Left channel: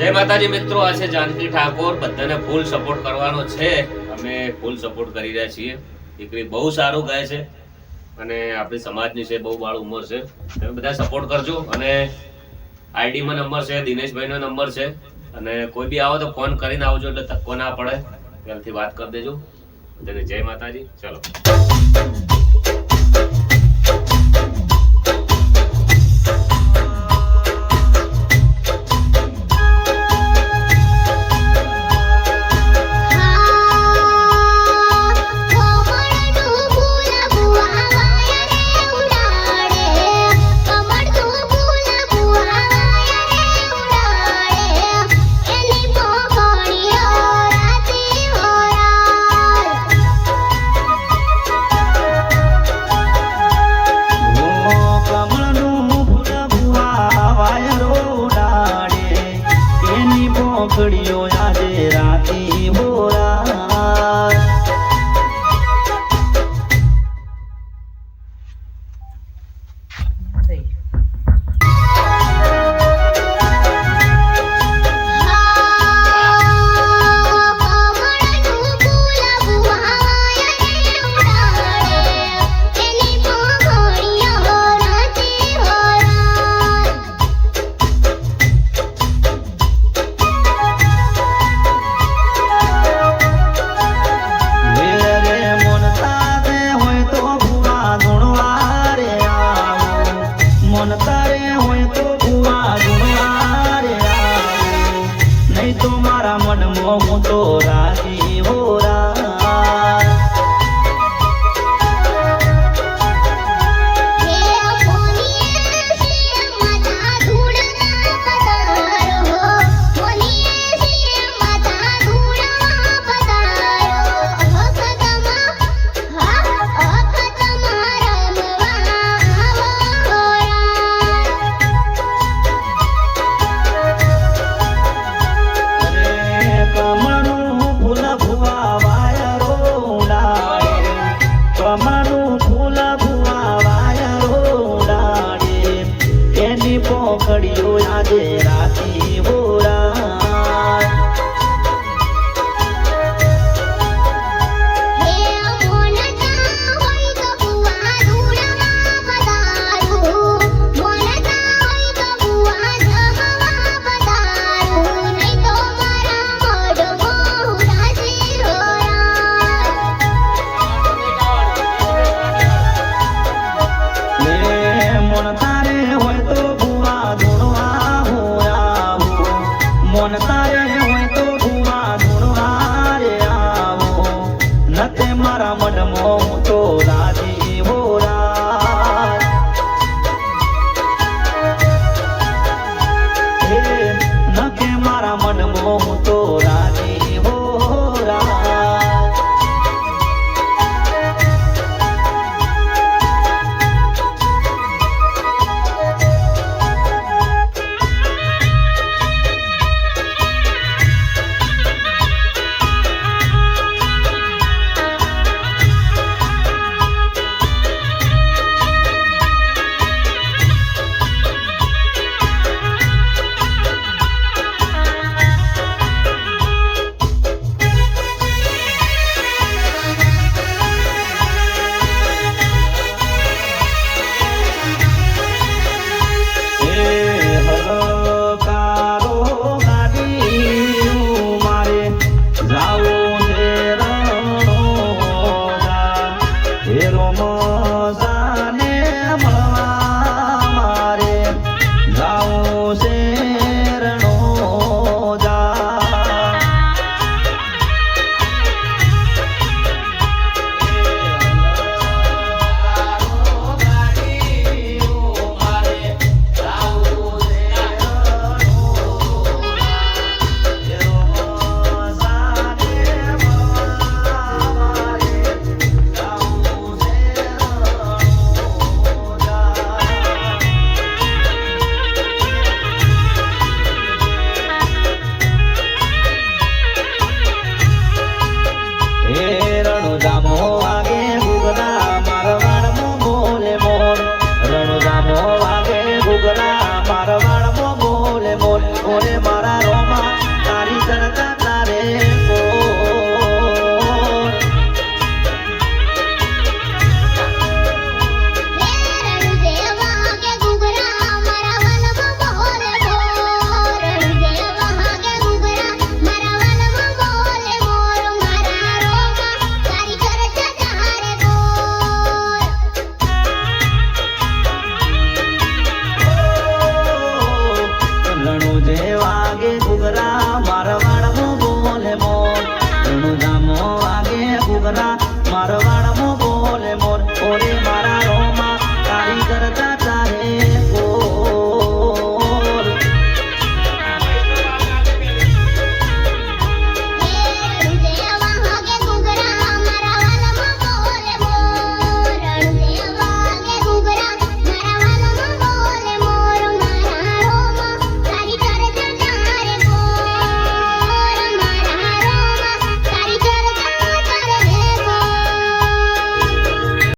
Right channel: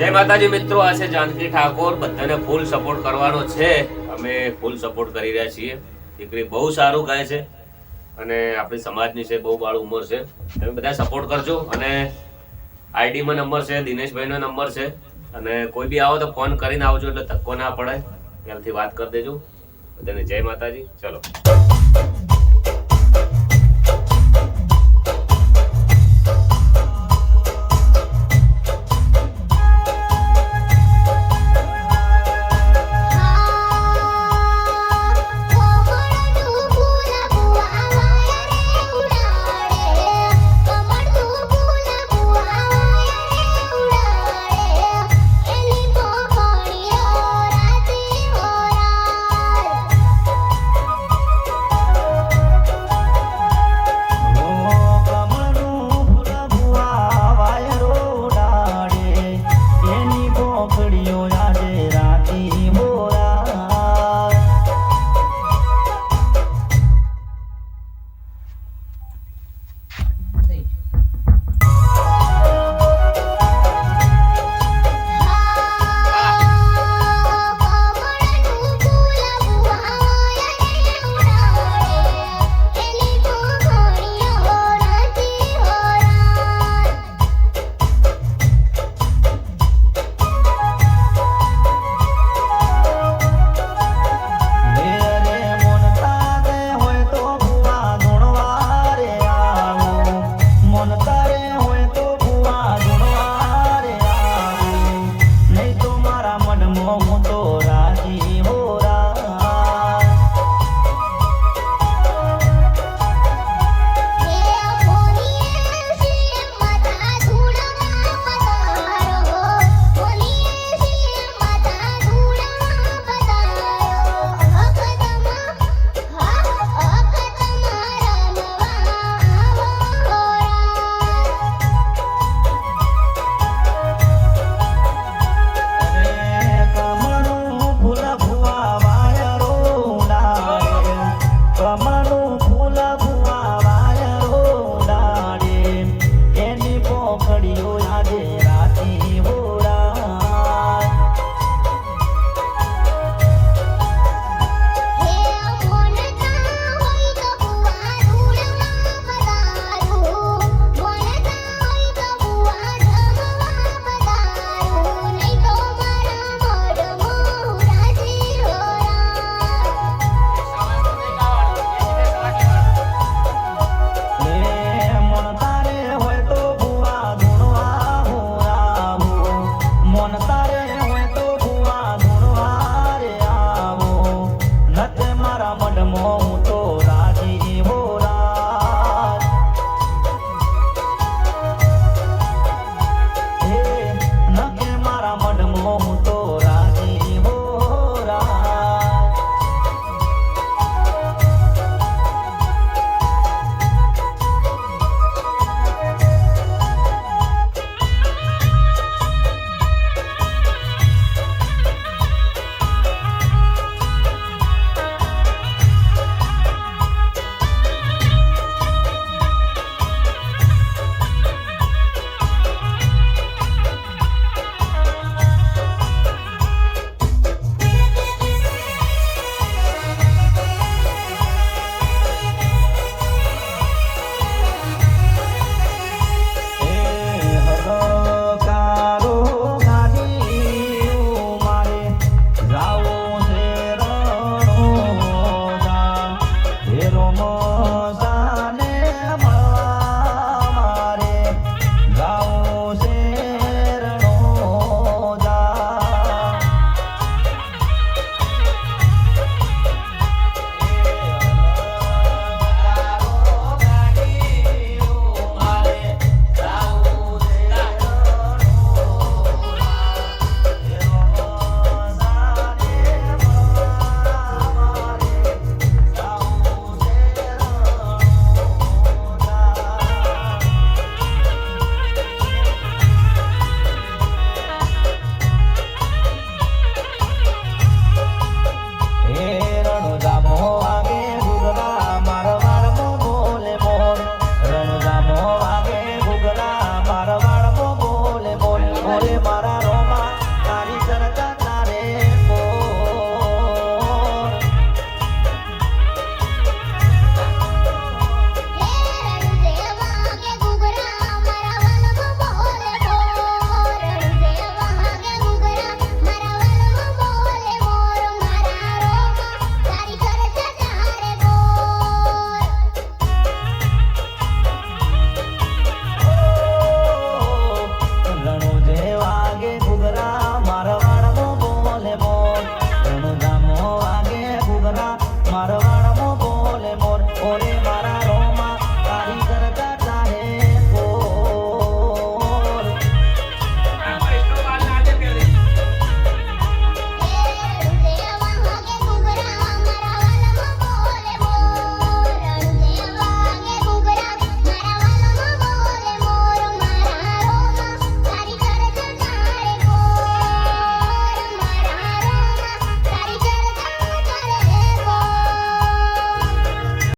જય માતાજી મિત્રો, આ છે જાનકી ઠાકોર. બધાને ફૂલ સપોર્ટ કરવાનો છે. અમે ફૂલ સપોર્ટ કરી રહ્યા છીએ. દીકરી બહુ સારું ગાય છે અને આપણી સમાજની છે, બહુ બાળ ઉંમર છે. તમે બધા સપોર્ટ કરજો અને આઈડીમાં નંબર છે, દિનેશભાઈનો નંબર છે. અને કોઈ બી આવો તો ફોન કરીને આવજો એટલે ધક્કો ના પડે. ત્યારથી વાત કરી દેજો. બધાને જય માતાજી. ચલો.